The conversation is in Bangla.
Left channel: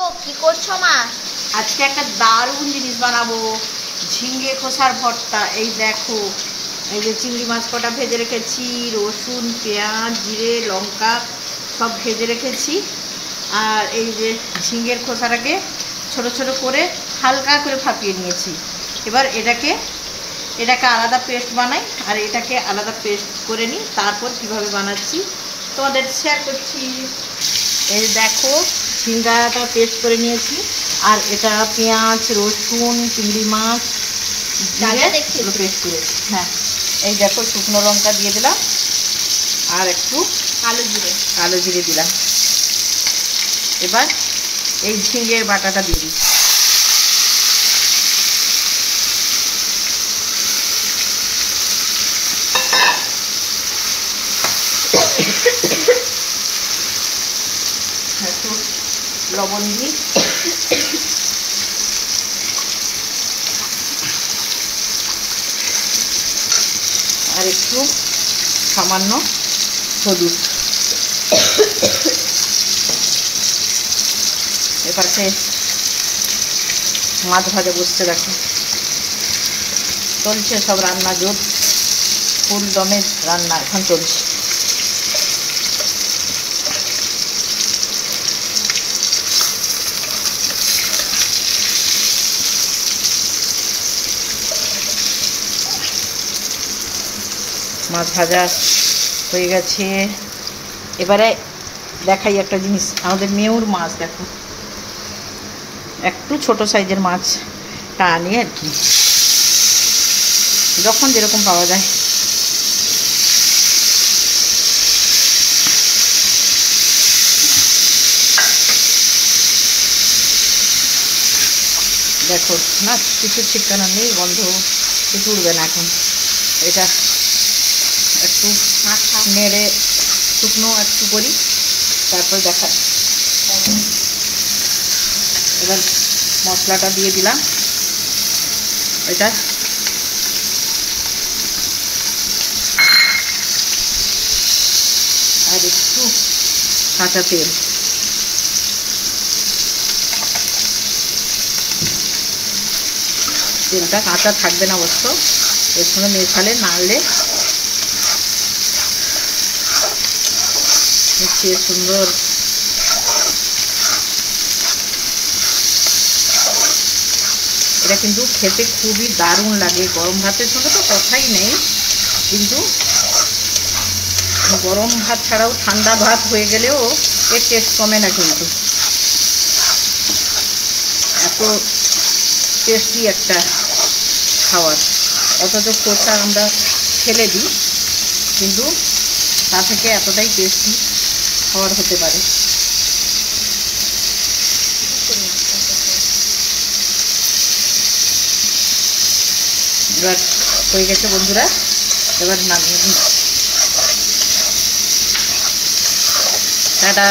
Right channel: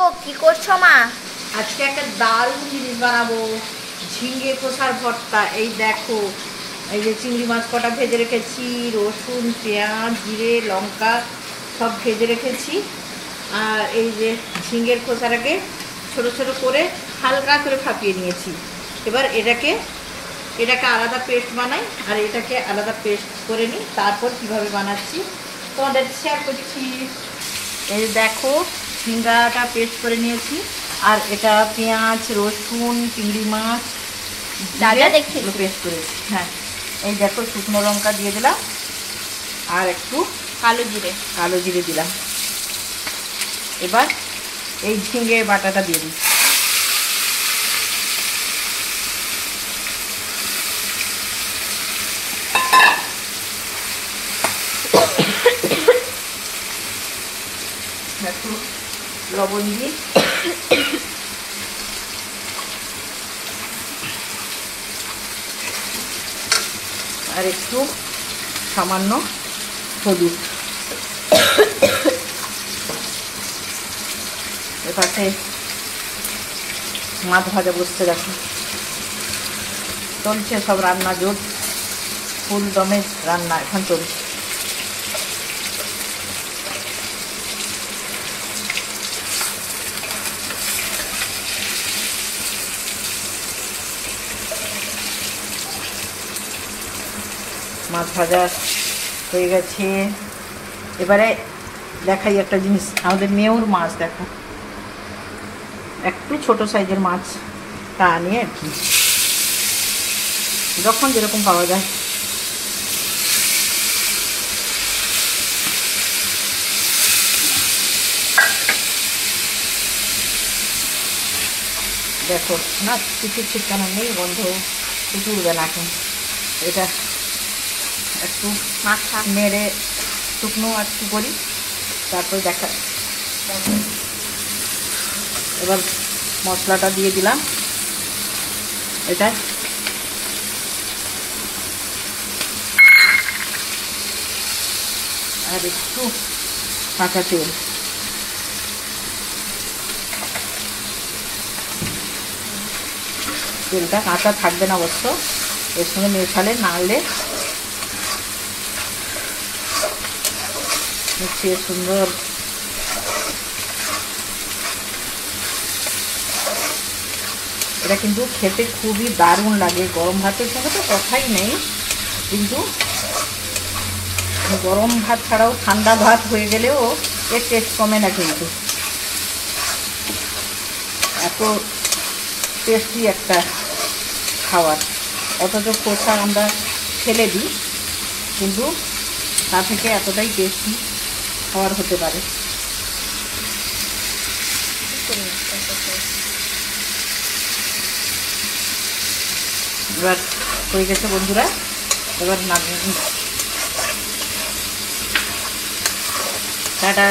কি করছো মা? আজকে একটা দারুণ জিনিস বানাবো, ঝিঙে কষার ভর্তা। এই দেখো, এই যে চিংড়ি মাছ কটা ভেজে রেখেছি, রসুন, পেঁয়াজ, জিরে, লঙ্কা সব ভেজে রেখেছি। আর এই যে ঝিঙের খোসাটাকে ছোট ছোট করে হালকা করে ফাঁপিয়ে নিয়েছি। এবার এটাকে আলাদা পেস্ট বানাই আর এটাকে আলাদা পেস্ট করে নিই। তারপর কীভাবে বানাচ্ছি তোমাদের শেয়ার করছি। এই দেখো, ঝিঙ্গাটা পেস্ট করে নিয়েছি আর এটা পেঁয়াজ, রসুন, চিংড়ি মাছ পেস্ট করেছি। হ্যাঁ, এই দেখো শুকনো লঙ্কা দিয়ে দিলাম আর একটু কালো জিরে দিলাম। এবার এই ঝিঙে বাটাটা দিয়ে দিই। একটু লবণ দিই, আর একটু সামান্য হলুদ। এপাশে মাছ ভাজা বসতে দেখো, চলছে সব রান্না, জোর ফুল দমে রান্না এখন চলছে। মাছ ভাজা হয়ে গেছে। এবারে দেখাই একটা জিনিস, আমাদের মেয়র মাছ দেখো, একটু ছোট সাইজের মাছটা আনি আর কি, যখন যেরকম পাওয়া যায়। দেখো মাছ কিছু ঠিকানা নেই, গন্ধ কিছু উঠবে না এখন। এটা একটু নেড়ে শুকনো একটু করি, তারপর দেখা। এবার মশলাটা দিয়ে দিলাম, এটা আর একটু কাঁচা তেল। তেলটা কাঁচা থাকবে না অবশ্য, এর সঙ্গে মেশালে নাড়লে মিশিয়ে সুন্দর। এটা কিন্তু খেতে খুবই দারুণ লাগে, গরম ভাতের সঙ্গে তো কথাই নেই। কিন্তু গরম ভাত ছাড়াও ঠান্ডা ভাত হয়ে গেলেও এর টেস্ট কমে না কিন্তু। এত টেস্টি একটা খাবার, অথচ খোসা আমরা ফেলে দিই, কিন্তু তা থেকে এতটাই টেস্টি খাবার হতে পারে। এবার হয়ে গেছে বন্ধুরা, এবার নামিয়ে টাটা।